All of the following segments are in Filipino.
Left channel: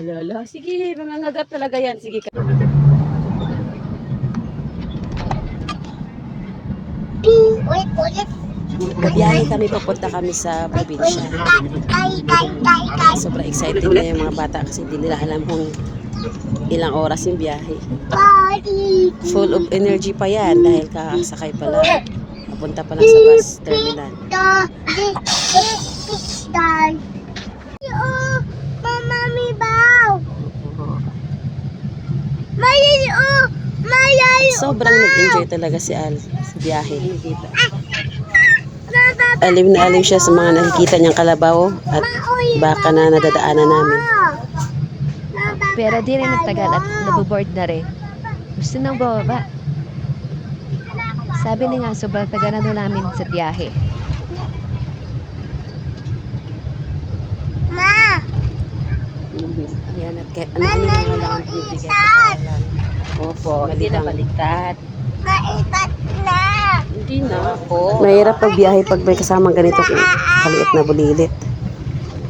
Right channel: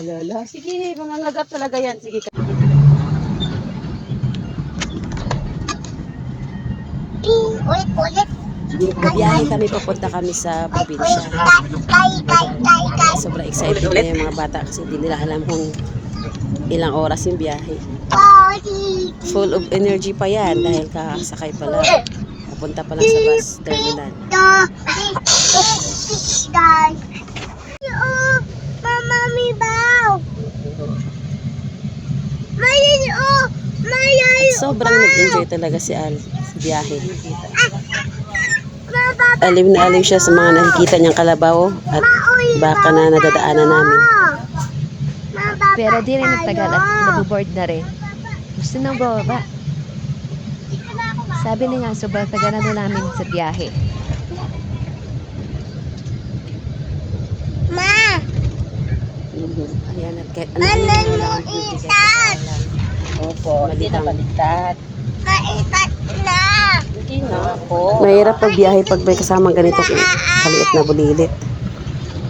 Lala, sige, mangangagap talaga yan. Sige ka. Ulit. Babiyahe kami, papunta kami sa probinsya. Sobrang excited na yung mga bata kasi hindi nila alam kung ilang oras yung biyahe. Full of energy pa yan dahil kakasakay pa lang. Papunta pa lang sa bus terminal. Sobrang nag-enjoy talaga si Al sa biyahe. Alim na alim siya sa mga nakikita niyang kalabaw at baka na nadadaanan namin. Pero di rin nagtagal at nabuboard na rin. Gusto nang bababa. Sabi niya nga, sobrang tagal na namin sa biyahe. Ma! Ayan, at kahit ano lang ang bibigay ko lang. Opo, hindi na baliktad. Maipat na! Hindi na po. Mahirap pag biyahe pag may kasamang ganito kaliit na bulilit.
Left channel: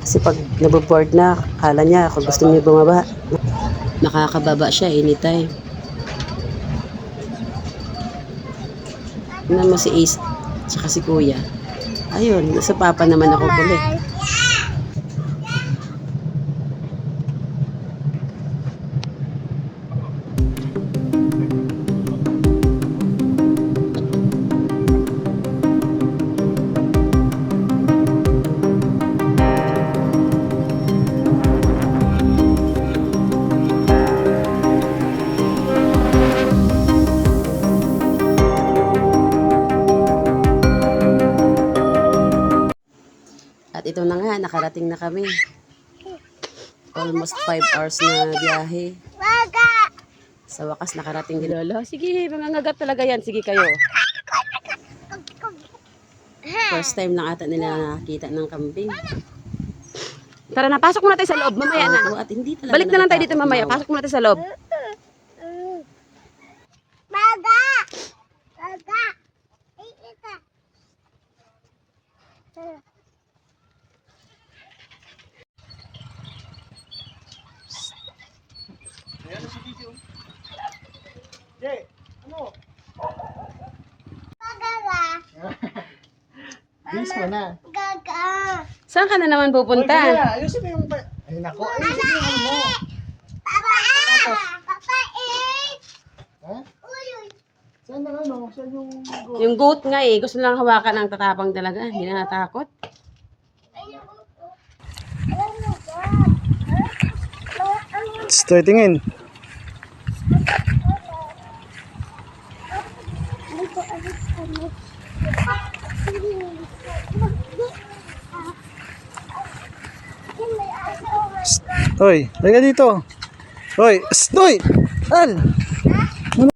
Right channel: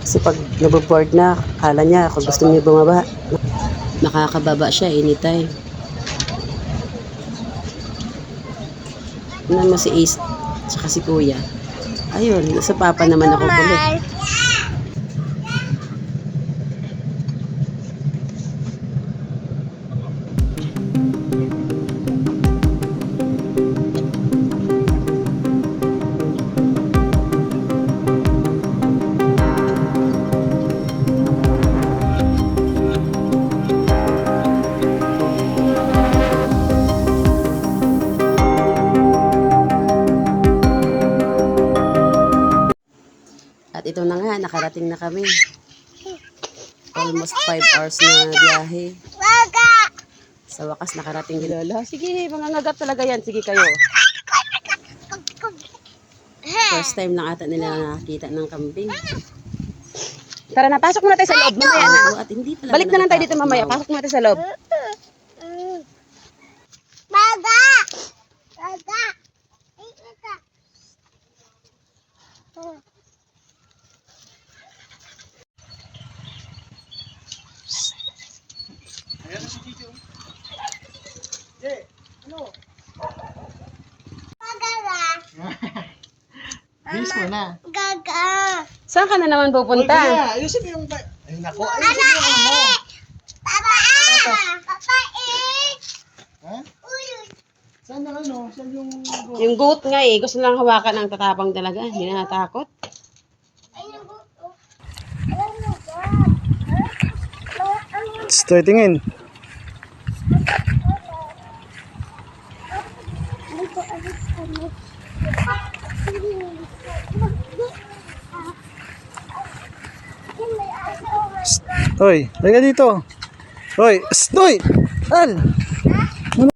Kasi pag naboboard na, kala niya kung gusto niya bumaba, makakababa siya anytime. Ano mo si Ace, tsaka si Kuya. Ayun, sa papa naman ako kulit. At ito na nga, nakarating na kami. Almost 5 hours na biyahe. Sa wakas, nakarating din. Lala, sige, mangangagap talaga yan. Sige kayo. First time lang ata nila nakakita ng kambing. Tara na, pasok muna tayo sa loob. Mamaya na. At hindi talaga balik na lang tayo dito mamaya. Pasok muna tayo sa loob. Maga! Bilis mo na. Gaga! Saan ka na naman pupunta? Ayusin mo yung... Ay, nako. Ayusin mo yung ano. Papa! Papa, Ha? Saan ang ano? Saan yung... Yung goat nga eh. Gusto lang hawakan ang tatapang talaga. Hindi na natakot. Stoy, tingin. Hoy, lagay dito. Hoy, stoy! Al!